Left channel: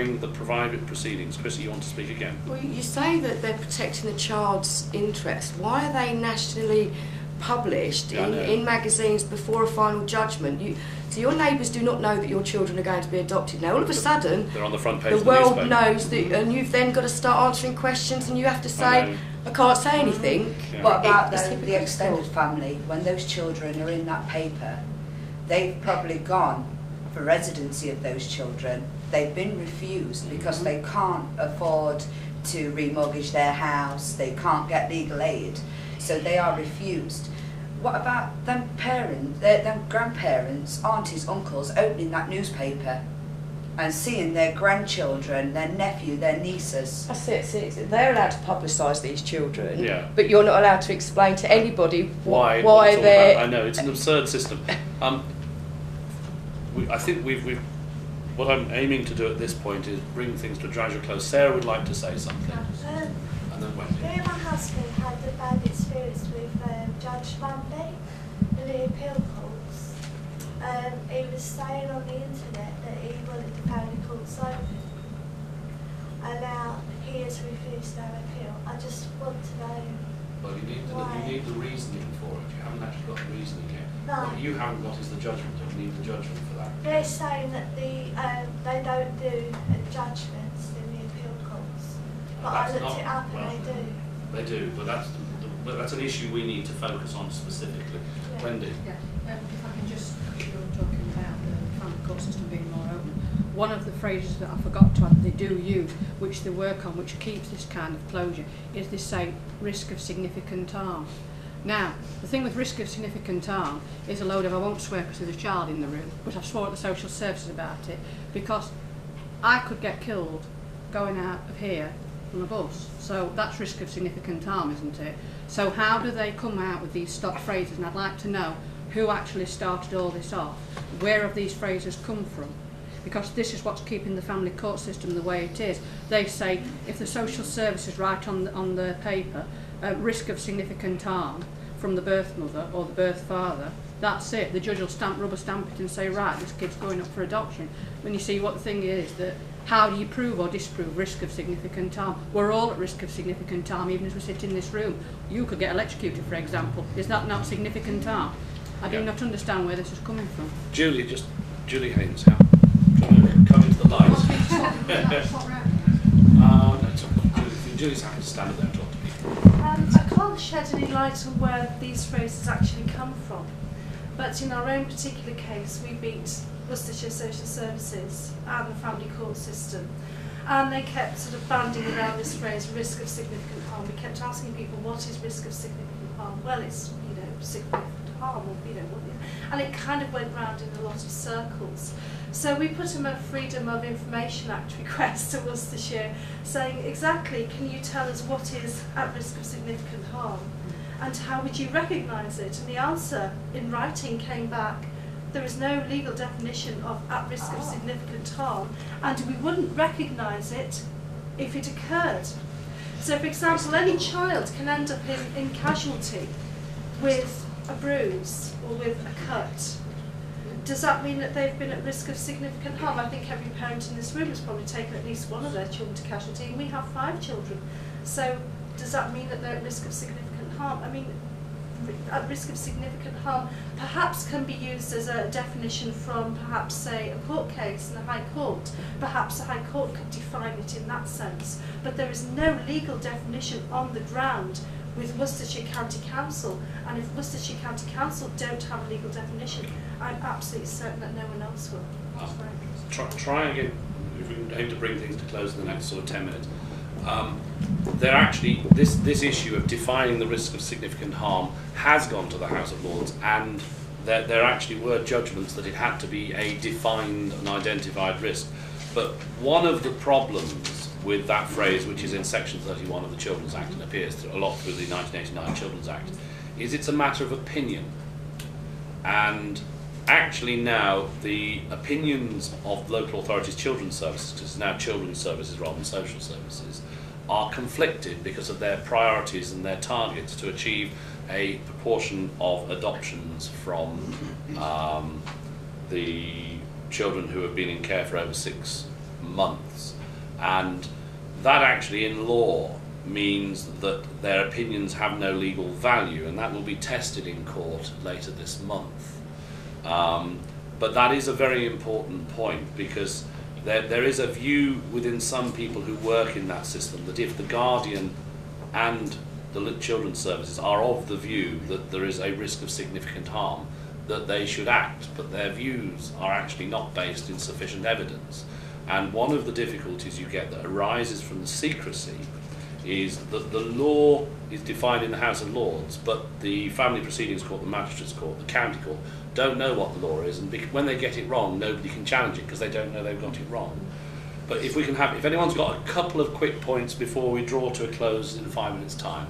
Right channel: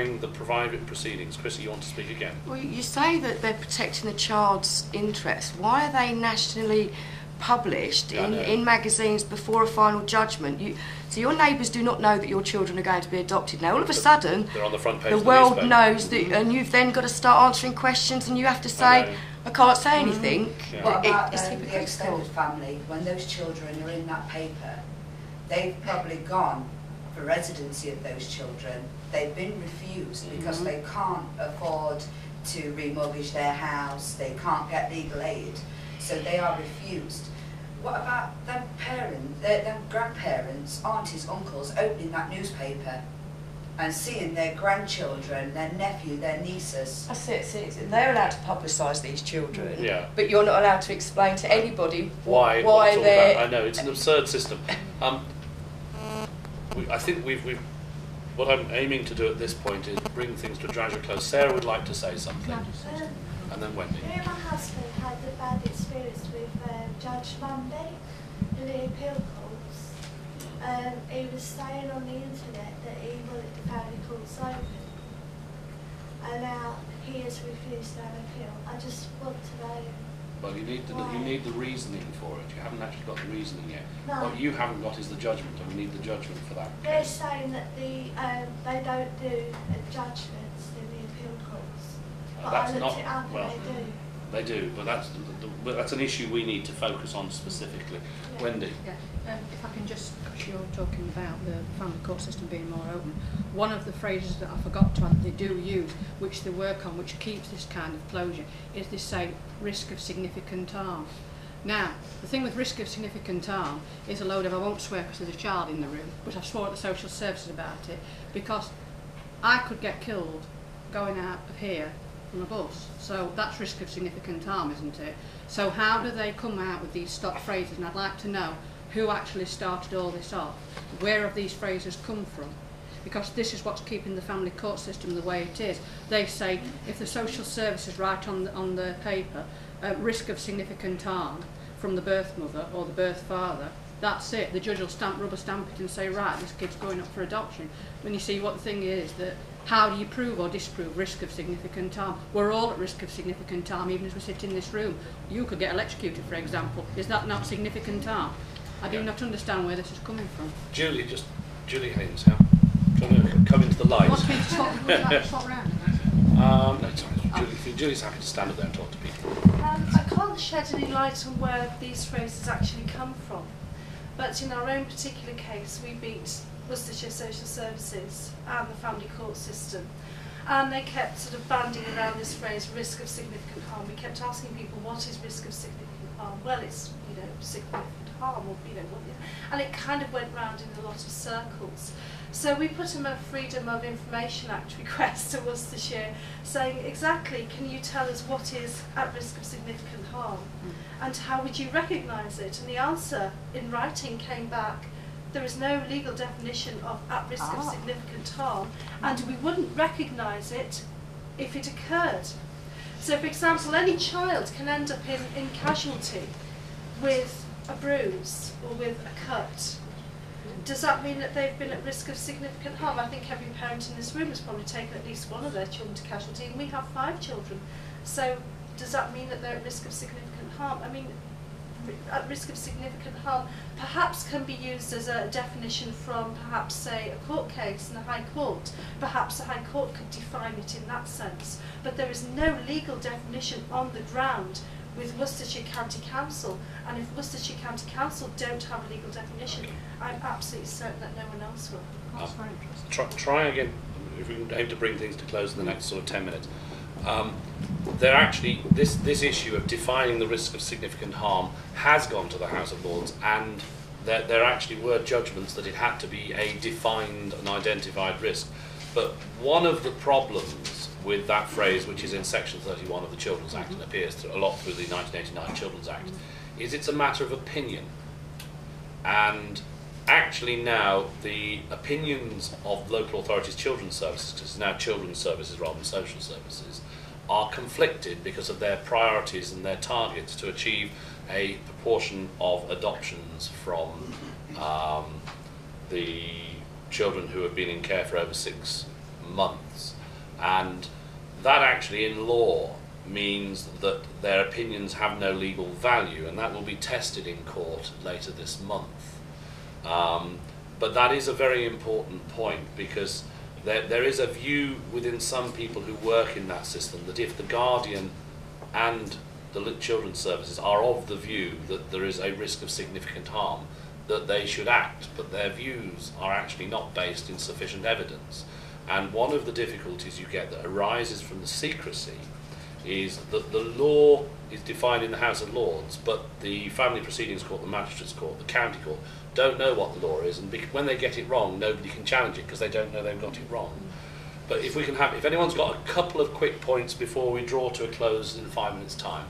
during the private proceedings. Chrissy, you want to speak again? Well, you say that they're protecting the child's interest. Why are they nationally published in magazines before a final judgment? So your neighbours do not know that your children are going to be adopted. Now, all of a sudden, they're on the front page the of world newspaper. knows that, and you've then got to start answering questions, and you have to say, I can't say anything. Yeah. What about the extended family? When those children are in that paper, they've probably gone for residency of those children. They've been refused because they can't afford to remortgage their house, they can't get legal aid, so they are refused. What about them parents, them grandparents, aunties, uncles opening that newspaper and seeing their grandchildren, their nephew, their nieces? That's it. See, they're allowed to publicise these children, but you're not allowed to explain to anybody why they're... I know, it's an absurd system. I think what I'm aiming to do at this point is bring things to a gradual close. Sarah would like to say something, and then Wendy. Me and my husband had a bad experience with Judge Monday in the appeal courts. He was saying on the internet that he wanted the family courts open, and now he has refused to have appeal. I just want to know. Well, you need the reasoning for it. You haven't actually got the reasoning yet. No. What you haven't got is the judgment, and we need the judgment for that. They're saying that they don't do judgments in the appeal courts, but I looked it up and they do. They do, but that's an issue we need to focus on specifically. Yeah. Wendy. Yeah. If I can just, because you're talking about the family court system being more open, one of the phrases that I forgot to add that they do use, which they work on, which keeps this kind of closure, is they say risk of significant harm. Now, the thing with risk of significant harm is a load of, I won't swear because there's a child in the room, but I swore at the social services about it, because I could get killed going out of here on a bus. So that's risk of significant harm, isn't it? So how do they come out with these stock phrases? And I'd like to know who actually started all this off. Where have these phrases come from? Because this is what's keeping the family court system the way it is. They say if the social services write on the paper risk of significant harm from the birth mother or the birth father, that's it. The judge will rubber stamp it and say, right, this kid's going up for adoption. When you see what the thing is, that how do you prove or disprove risk of significant harm? We're all at risk of significant harm, even as we sit in this room. You could get electrocuted, for example. Is that not significant harm? I do not understand where this is coming from. Julie Haynes, how? Trying to come into the light. No, sorry. Julie's happy to stand up there and talk to people. I can't shed any light on where these phrases actually come from, but in our own particular case, we beat Worcestershire Social Services and the family court system, and they kept sort of banding around this phrase, risk of significant harm. We kept asking people, what is risk of significant harm? Well, it's, significant harm, or, and it kind of went round in a lot of circles. So we put in a Freedom of Information Act request to Worcestershire saying exactly, can you tell us what is at risk of significant harm and how would you recognise it? And the answer in writing came back, there is no legal definition of at risk of significant harm, and we wouldn't recognise it if it occurred. So for example, any child can end up in casualty with a bruise or with a cut. Does that mean that they've been at risk of significant harm? I think every parent in this room has probably taken at least one of their children to casualty, and we have 5 children. So does that mean that they're at risk of significant harm? I mean, at risk of significant harm perhaps can be used as a definition from perhaps, say, a court case in the High Court. Perhaps the High Court could define it in that sense. But there is no legal definition on the ground with Worcestershire County Council, and if Worcestershire County Council don't have a legal definition, I'm absolutely certain that no one else will. That's very interesting. Try again, if we can aim to bring things to close in the next sort of 10 minutes. They're actually, this issue of defining the risk of significant harm has gone to the House of Lords, and there actually were judgments that it had to be a defined and identified risk. But one of the problems with that phrase, which is in section 31 of the Children's Act and appears a lot through the 1989 Children's Act, is it's a matter of opinion. And actually now the opinions of local authorities' children's services, because it's now children's services rather than social services, are conflicted because of their priorities and their targets to achieve a proportion of adoptions from the children who have been in care for over 6 months. And that actually in law means that their opinions have no legal value, and that will be tested in court later this month. But that is a very important point, because there is a view within some people who work in that system that if the Guardian and the Children's Services are of the view that there is a risk of significant harm, that they should act, but their views are actually not based in sufficient evidence. And one of the difficulties you get that arises from the secrecy is that the law is defined in the House of Lords, but the Family Proceedings Court, the Magistrates Court, the County Court don't know what the law is, and when they get it wrong, nobody can challenge it because they don't know they've got it wrong. But if anyone's got a couple of quick points before we draw to a close in 5 minutes' time.